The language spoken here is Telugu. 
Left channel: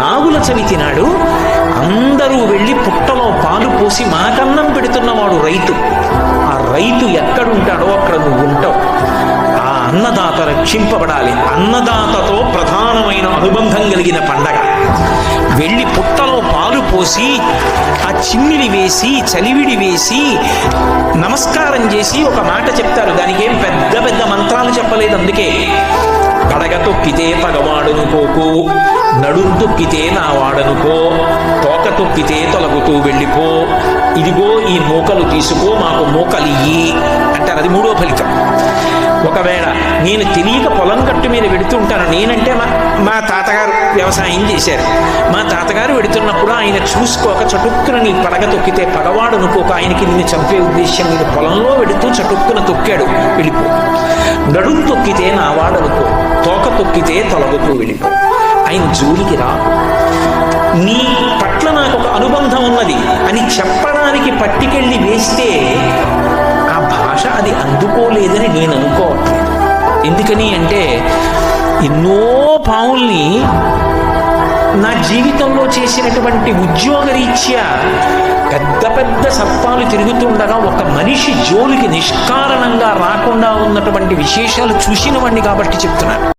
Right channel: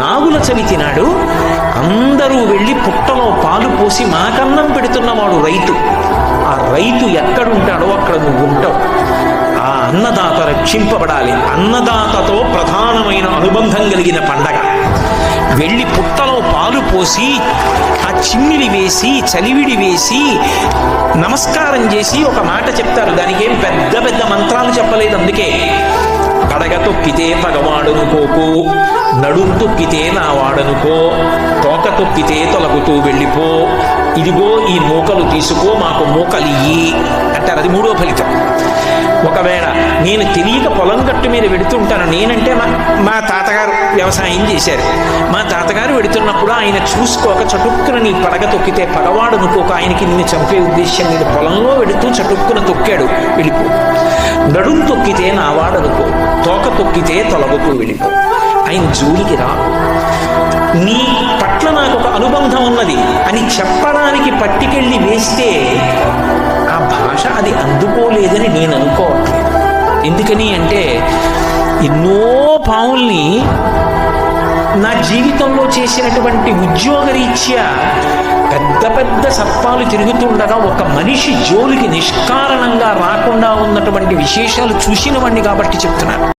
నాగుల చవితినాడు అందరూ వెళ్ళి పుట్టలో పాలు పోసి మాకన్నం పెడుతున్నవాడు రైతు ఆ రైతు ఎక్కడుంటాడో అక్కడ నువ్వు ఉంటావు ఆ అన్నదాత రక్షింపబడాలి అన్నదాతతో ప్రధానమైన అనుబంధం కలిగిన పండగ వెళ్ళి పుట్టలో పాలు పోసి ఆ చిమ్మిడి వేసి చలివిడి వేసి నమస్కారం చేసి ఒక మాట చెప్తారు దానికి ఏం పెద్ద పెద్ద మంత్రాలు చెప్పలేదు అందుకే కడగ తొక్కితే పగవాడనుకోకు నడుం తొక్కితే నా వాడనుకో తోక తొక్కితే తొలగుతూ వెళ్ళిపో ఇదిగో ఈ మూకలు తీసుకో మాకు మూకలియ్యి అంటారు అది మూడో ఫలితం ఒకవేళ నేను తెలియక పొలం గట్టు మీద వెడుతుంటాను నేనంటే మా మా తాతగారు వ్యవసాయం చేశారు మా తాతగారు వెడుతున్నప్పుడు ఆయన చూసుకోక చటుక్కున నీ పడగ తొక్కితే పగవాడు అనుకోక ఆయనకి నిన్ను చంపే ఉద్దేశం నేను పొలంలో వెడుతూ చటుక్కున తొక్కాడు వెళ్ళిపో నడుం తొక్కితే నావాడనుకో తోక తొక్కితే తొలగుతూ వెళ్ళిపో ఆయన జోలికి రా నీ పట్ల నాకు ఒక అనుబంధం ఉన్నది అని చెప్పడానికి పట్టుకెళ్ళి వేస్తే ఆ భాష అది అందుకోలేదని నేను అనుకోవట్లేదు ఎందుకని అంటే ఎన్నో పావుల్ని నా జీవితంలో చేసినటువంటి ఉద్యోగరీత్యా పెద్ద పెద్ద సర్పాలు తిరుగుతుండగా ఒక మనిషి జోలికి నిష్కారణంగా రాకుండా ఉన్నటువంటి విశేషాలు చూసినవండి కాబట్టి చెప్తున్నాను